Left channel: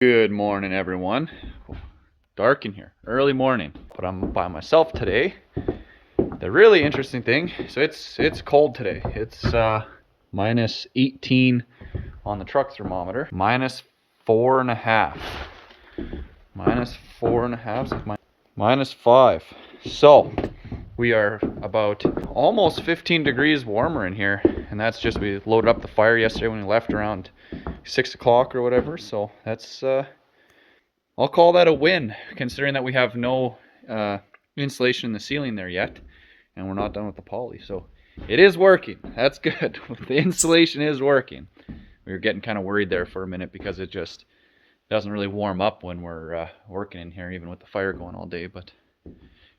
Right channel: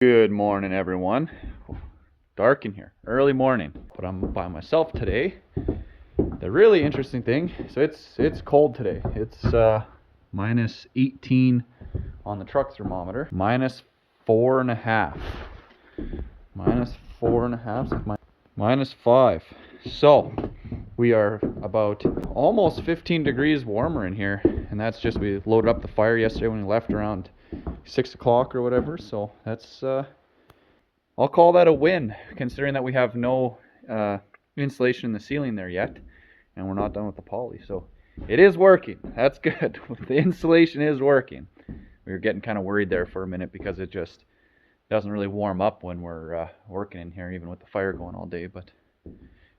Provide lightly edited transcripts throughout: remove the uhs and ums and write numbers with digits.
Good morning, everyone. Dark in here, early morning, but I'm by myself today. The really interesting thing, so it's cold today. It's minus 18 on the truck thermometer, minus 4.5, minus 4.5, so minus 5. So we are about almost 15 degrees warmer in here, and that's just we loaded up the fire yesterday when we left around 6 o'clock or whatever. So that's I'll call that a win, considering that we have no insulation in the ceiling there yet, and we're not done with the poly. So it is working. That's good. The insulation is working. We were getting kind of worried there for a minute because it just doesn't really warm up when we're working in here, even with the fire going all day. But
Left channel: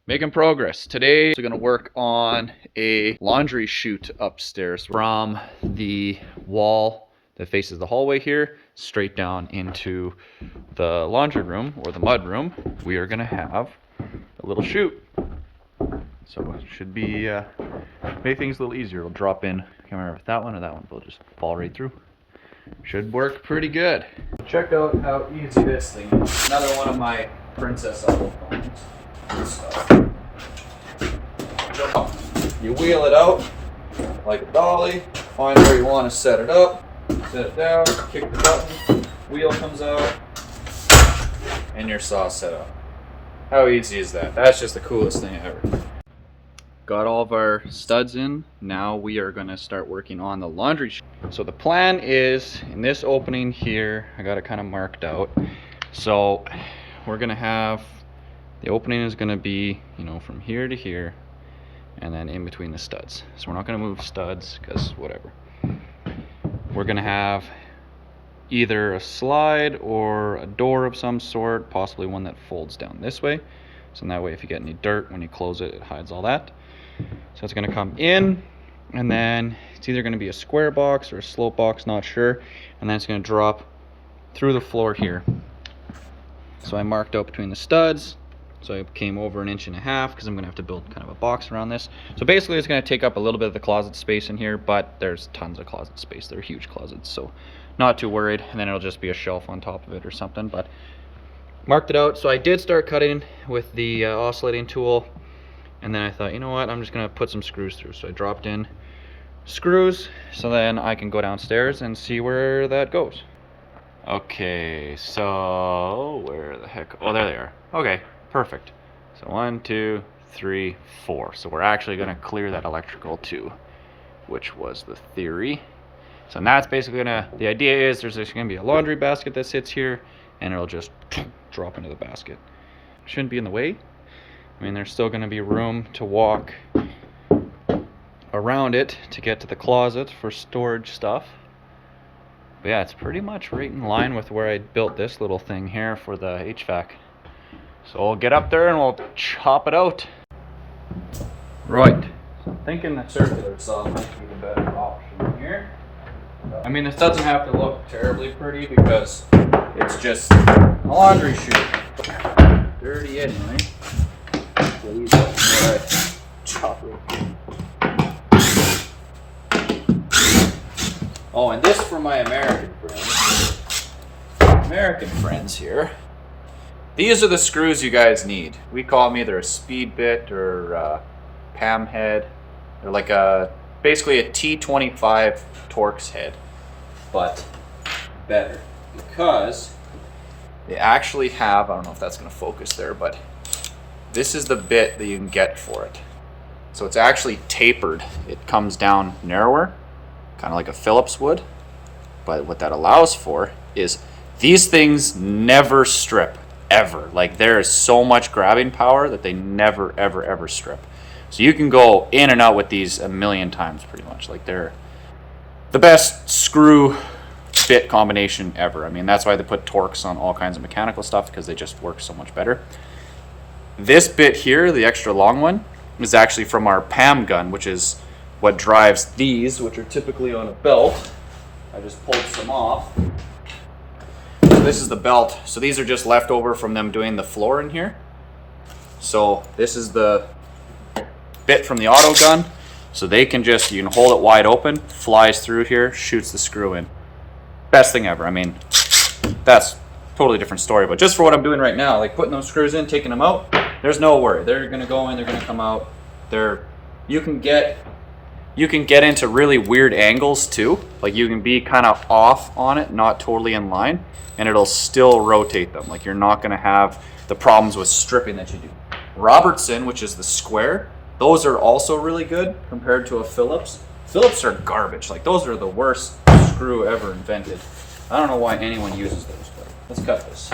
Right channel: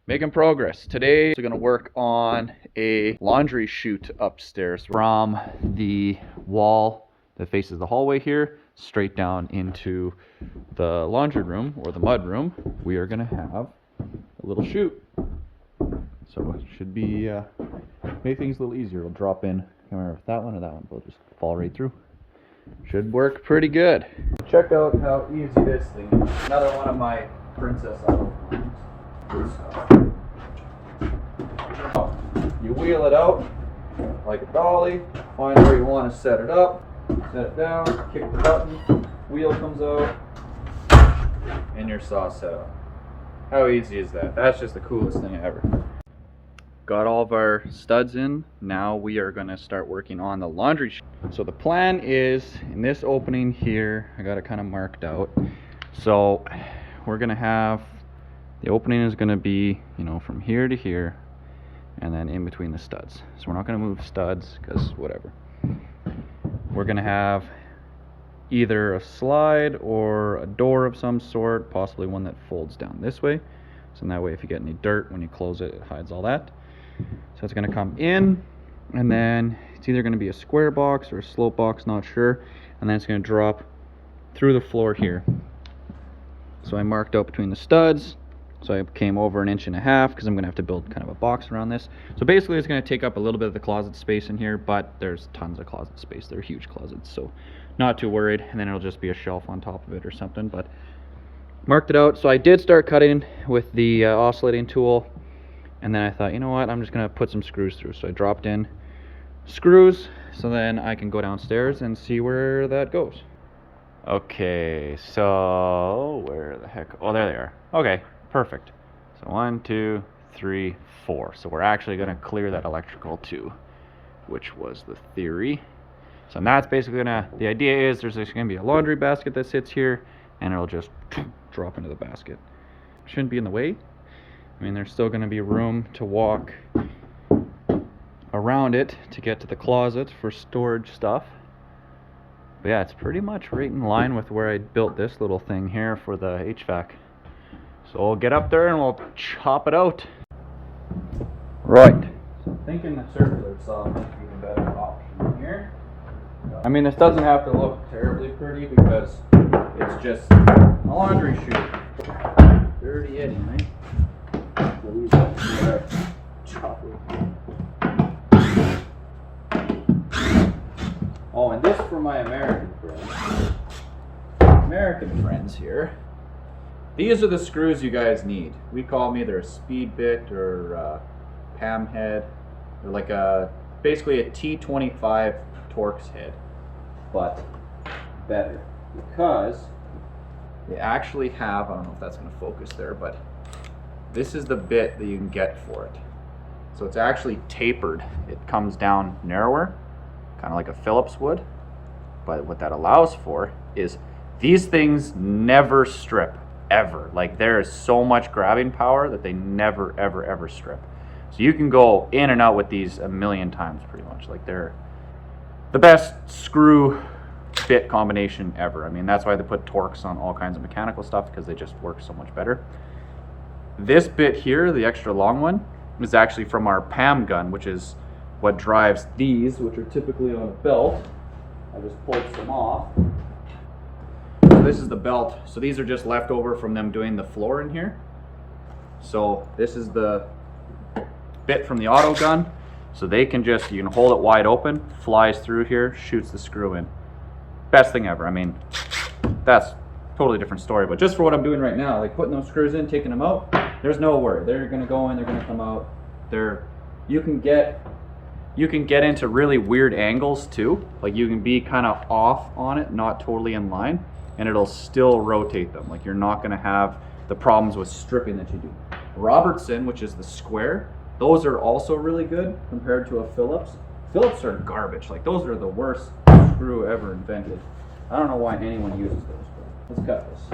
making progress. Today we're going to work on a laundry chute upstairs from the wall that faces the hallway here straight down into the laundry room or the mud room. We are going to have a little chute. So it should be make things a little easier. It'll drop in. I can't remember if that one or that one, but it'll just fall right through. Should work pretty good. Check out how easy this thing is. Another one of my Princess Auto phones. You wheel it out like a dolly, find where you want to set it up, set it down, kick the button, wheel comes out, and your saw's set up. How easy is that? That's just the coolest thing ever. Got all of our studs in. Now we are going to start working on the laundry chute. So the plan is in this opening here, I got it kind of marked out. So we're going to have, the opening is going to be, from here to here, and then in between the studs. So we're not going to move studs because whatever. We're going to have either a slide or a door of some sort, possibly one that folds down this way. So in that way, if you get any dirt when you close it, it hides all that. So it's going to come in, and then it's either going to be a square box or a slope box, not sure. And then it's going to drop through the floor here. So I marked out between the studs. So I came over 1.5 inches because I'm going to have to build kind of a box around this. So basically it's going to take up a little bit of the closet space in here, but there's tons of closet space. They're huge closets, so not too worried. And then it'll just be a shelf on top of it or something, but marked it out. So I did start cutting with the oscillating tool, and then I thought, you know what, I'm just going to put some screws through. So I dropped in screws so then I can go downstairs and see where that goes. Okay, so where the heck? Oh, there they are. Okay. Perfect. So 1, 2, 3, 4. So we're actually going to clear that electrical too, which was the theory. So that's basically the idea is there's going to be a laundry basket that sits here, and it'll just drop into the basket. Shouldn't be in the way. I mean, there's still going to be room to walk around it to get to the closet for storage stuff. But yeah, it's pretty much right in line with where I built this little thing here for the HVAC. So we'll get up there and we'll chop it out. Right. So I'm thinking the circular saw might be the better option here. I mean, this doesn't have to look terribly pretty because it's just a laundry chute. Dirty anyway. We'll leave that before I chop it. Oh, and this for my American friends. American friends here. These are the screws you guys need. We call them either a speed bit or PAM head. They're like basically a T25 Torx head, but better because they actually have, I don't know if that's going to focus there, but this is the bit that you can get for it. So it's actually tapered. It comes down narrower, kind of like a Phillips would. But what that allows for is these things never strip. Ever. Like, there is so much grabbing power that they never ever strip. So you can go in and out with these a million times pretty much. Like, they're the best screw bit combination ever. I mean, that's why they put Torx on all kinds of mechanical stuff, because they just work so much better. This bit here, the extra long one, is actually from our PAM gun, which is what drives these, which are typically on a belt. I just pulled some off. This is the belt. So these are just left over from them doing the floor in here. So this is the bit from the auto gun. So they can just, you can hold it wide open, flies through here, shoots the screw in. Best thing ever. I mean, that's totally different story. But just for what I'm doing right now, like putting those screws in, taking them out, there's no worry. They're gonna go in, they're gonna come out. You can get into really weird angles too. Like you can be kind of off on it, not totally in line, and it'll still rotate them. Like you're not gonna have the problems with stripping that you do. Robertson, which is the square, those are also really good compared to a Phillips. Phillips are garbage. Like those are the worst screw ever invented. I don't know why anyone uses those, but let's cut this.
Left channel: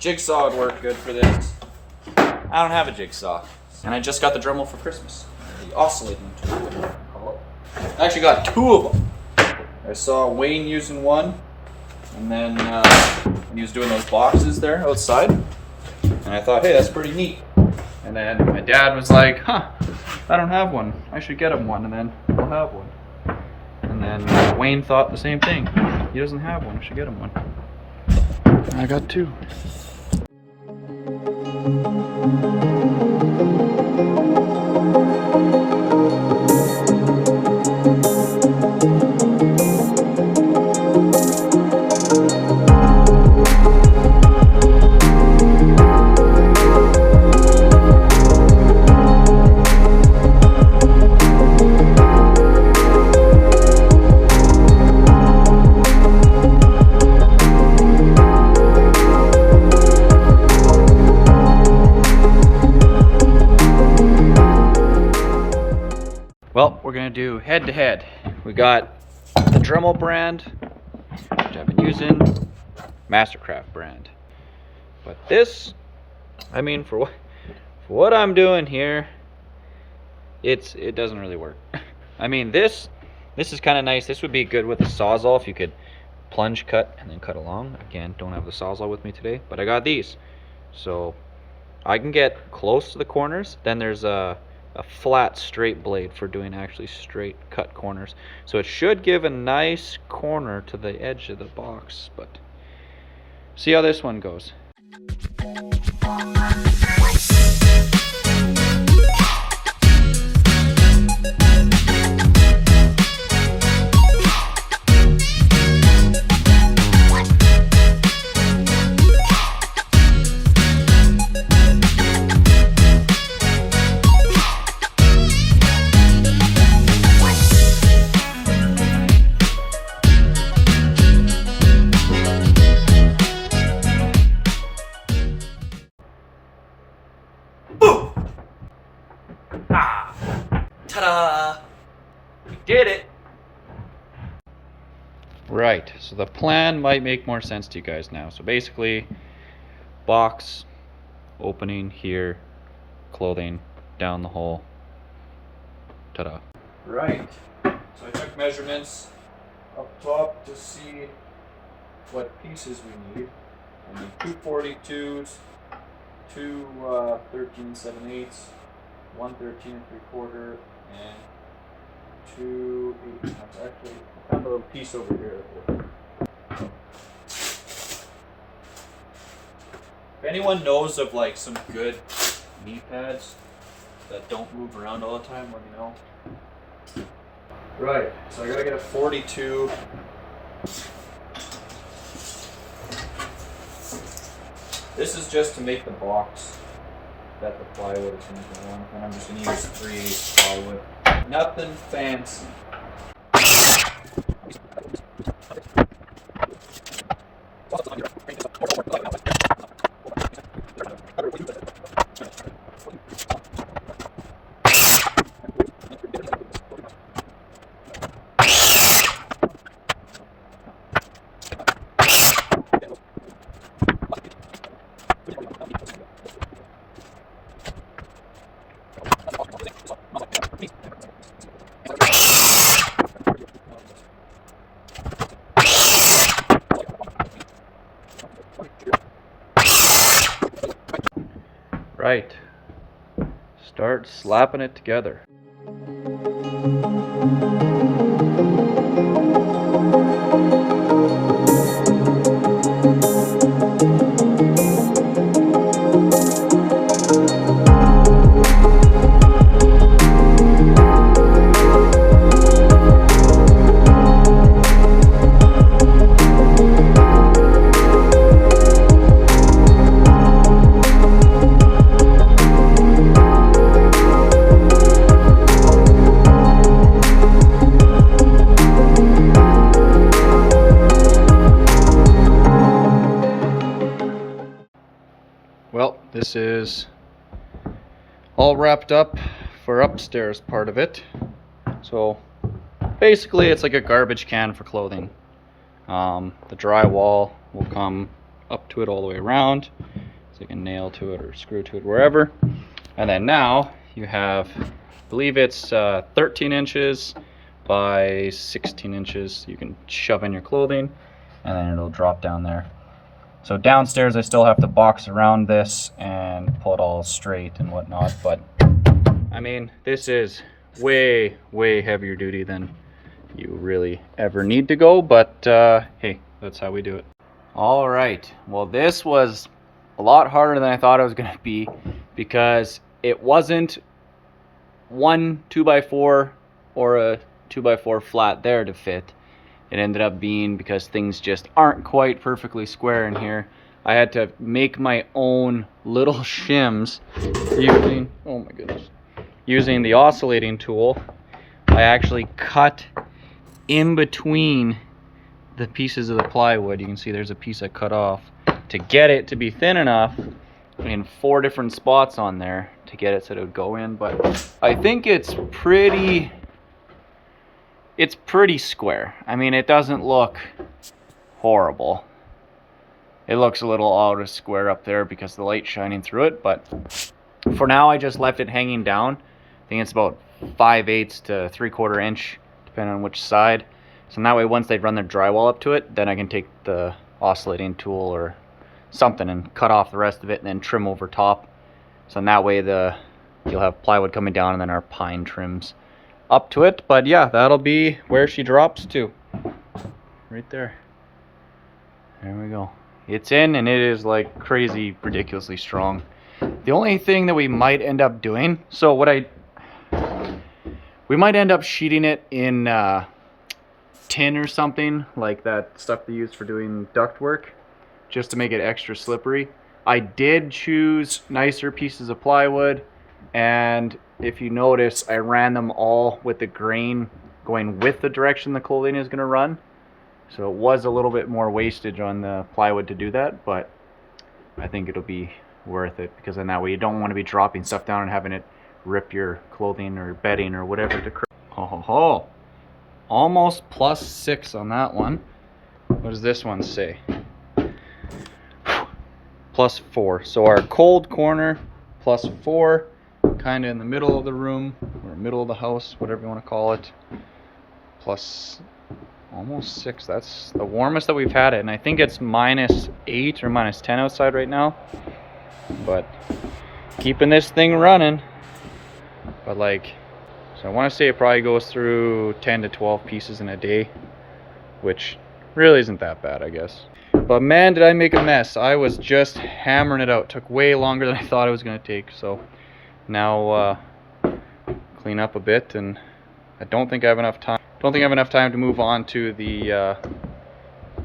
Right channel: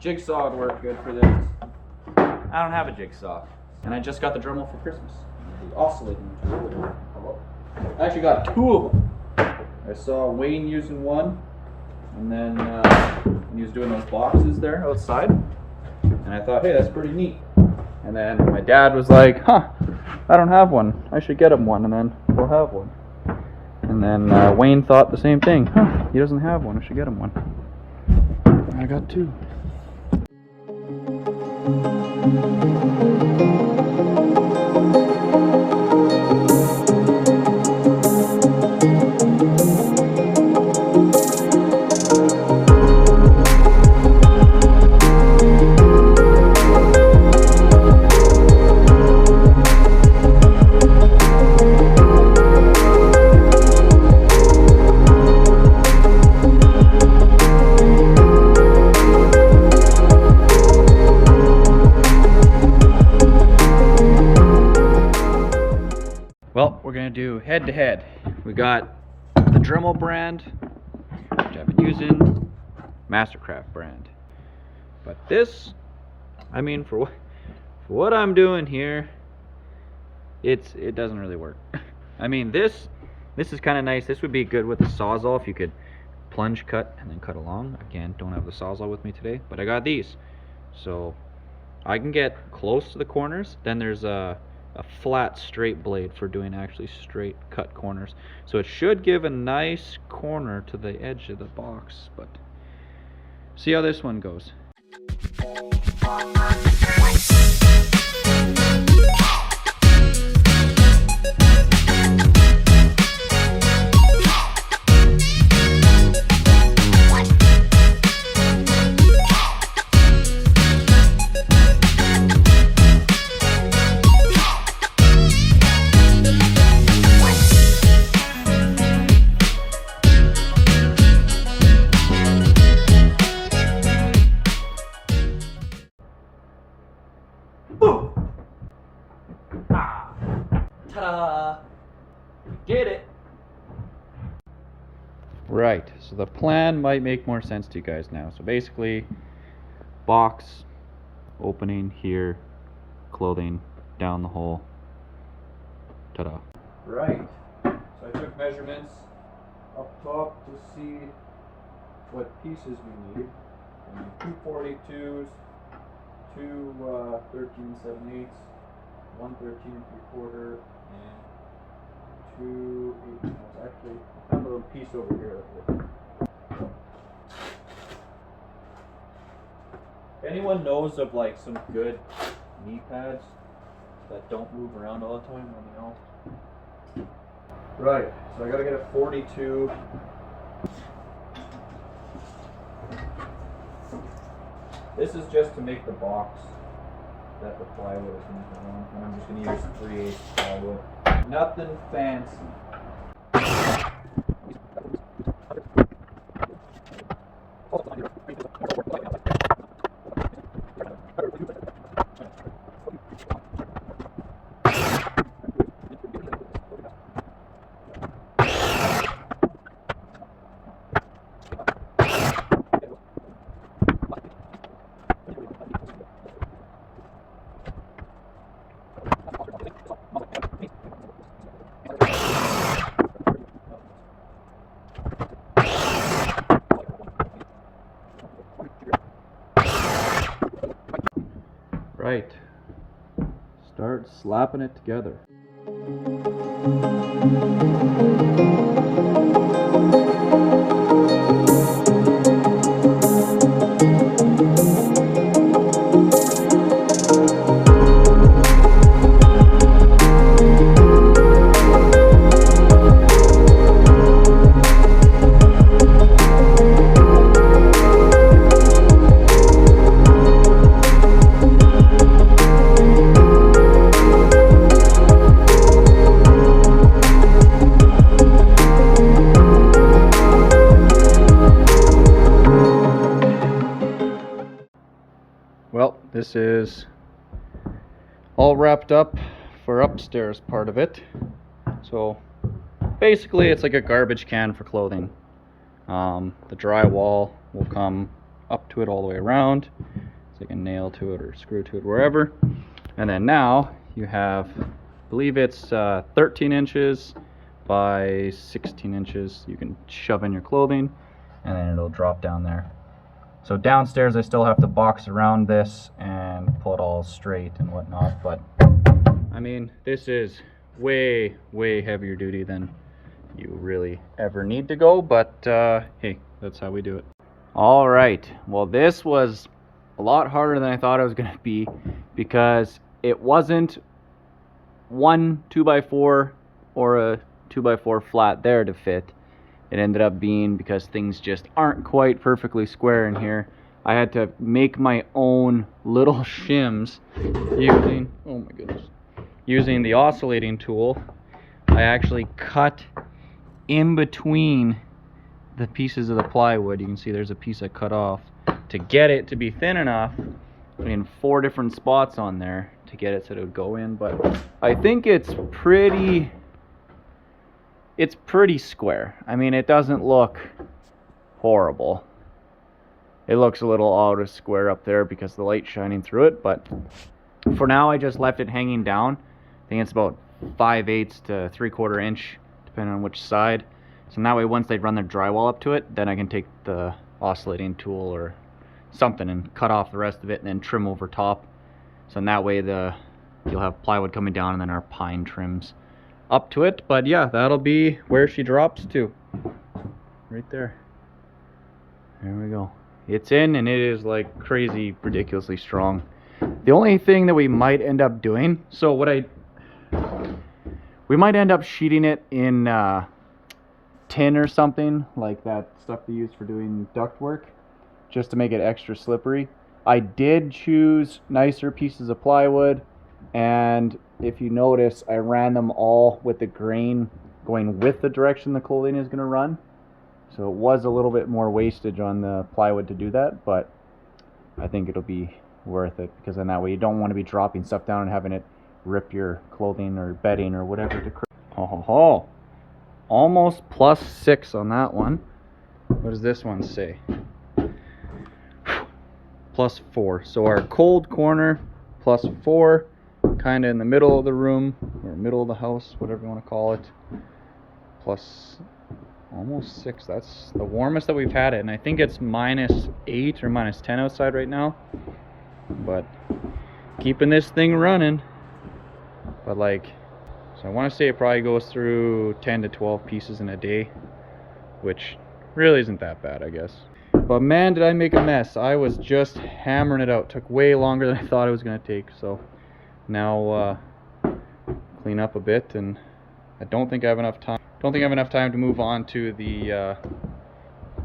Jigsaw would work good for this. I don't have a jigsaw. And I just got the Dremel for Christmas. The oscillating tool, whatever you call it. I actually got 2 of them. I saw Wayne using one, and then he was doing those boxes there outside. And I thought, hey, that's pretty neat. And then my dad was like, huh, I don't have one. I should get him one, and then we'll have one. And then Wayne thought the same thing. Huh, he doesn't have one. I should get him one. And I got 2. Well, we're gonna do head to head. We got the Dremel brand, which I've been using, Mastercraft brand. But this, I mean, for what I'm doing here, it doesn't really work. I mean, this is kind of nice. This would be good with the Sawzall if you could plunge cut and then cut along. Again, don't have the Sawzall with me today, but I got these, so I can get close to the corners. Then there's a flat straight blade for doing actually straight cut corners, so it should give a nice corner to the edge of the box. But see how this one goes. Ta-da! We did it! Right, so the plan might make more sense to you guys now. So basically, box, opening here, clothing, down the hole. Ta-da. Right, so I took measurements up top to see what pieces we need. We need 2 42s, 2 13 7/8, 1 13 3/4, and 2 8. Now it's actually, I found a little piece over here. If anyone knows of like some good knee pads that don't move around all the time, let me know. Right, so I gotta get a 42. This is just to make the box that the plywood is going to go on, and I'm just going to use 3/8 plywood. Nothing fancy. Right. Start slapping it together. this is all wrapped up for upstairs part of it. So basically it's like a garbage can for clothing. The drywall will come up to it all the way around. So you can nail to it or screw to it wherever. And then now you have, I believe it's 13 inches by 16 inches. You can shove in your clothing and then it'll drop down there. So downstairs I still have to box around this and pull it all straight and whatnot, but I mean, this is way heavier duty than you really ever need to go, but hey, that's how we do it. All right, well, this was a lot harder than I thought it was gonna be, because it wasn't one 2x4 or a 2x4 flat there to fit. It ended up being, because things just aren't quite perfectly square in here, I had to make my own little shims using, oh my goodness, using the oscillating tool. I actually cut in between the pieces of the plywood. You can see there's a piece I cut off to get it to be thin enough in 4 different spots on there to get it so it would go in. But I think it's pretty square. I mean, it doesn't look horrible. It looks a little out of square up there because the light's shining through it, but for now I just left it hanging down. I think it's about 5/8 to 3/4 inch, depending on which side. So that way, once they run their drywall up to it, then I can take the oscillating tool or something and cut off the rest of it and then trim over top. So in that way you'll have plywood coming down and then our pine trims up to it. But yeah, that'll be where she drops to. Right there. There we go. It's in, and it is like crazy, ridiculously strong. The only thing that we might end up doing, we might end up sheeting it in tin or something, like that stuff they use for doing duct work, just to make it extra slippery. I did choose nicer pieces of plywood, and if you notice, I ran them all with the grain going with the direction the clothing is going to run. So it was a little bit more wastage on the plywood to do that, but I think it'll be worth it, because in that way you don't want to be dropping stuff down and having it rip your clothing or bedding or whatever to ho. Almost +6 on that one. What does this one say? +4. So our cold corner +4, kind of in the middle of the room or middle of the house, whatever you want to call it, plus almost 6. That's the warmest that we've had it, and I think it's -8 or -10 outside right now. But keeping this thing running. But like, so I want to say it probably goes through 10 to 12 pieces in a day, which really isn't that bad, I guess. But man, did I make a mess. I was just hammering it out. Took way longer than I thought it was going to take. So now clean up a bit, and I don't think I have enough time. To move on to the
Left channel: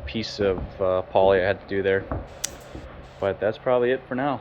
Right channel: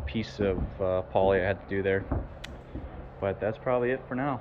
piece of poly I had to do there. But that's probably it for now.